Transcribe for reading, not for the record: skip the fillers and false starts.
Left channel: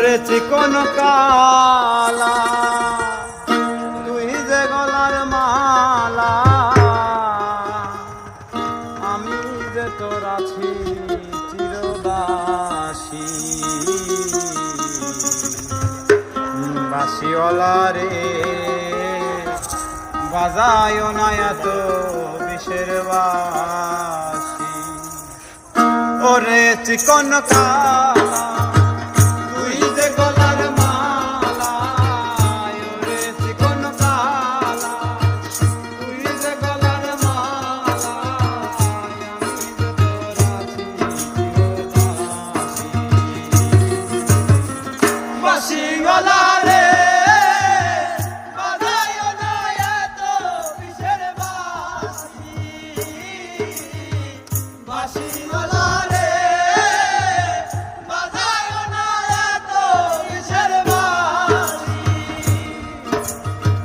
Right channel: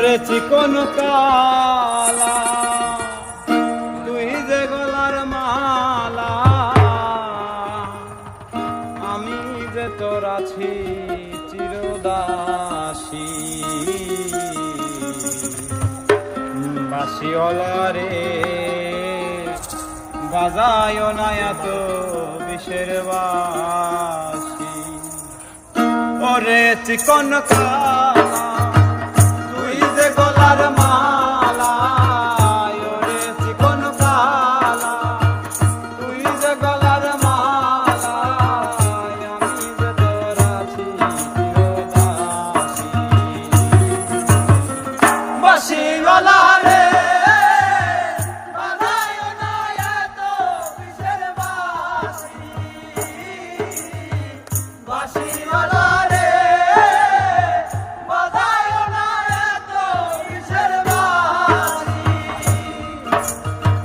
ওরে চিকন কালা তুই যে গলার মালা, আমি যে তোর আছি চিরদাসী। বাসিওয়ালা রে বাজায় না এত বিষের বাসি। ওরে চিকন কালা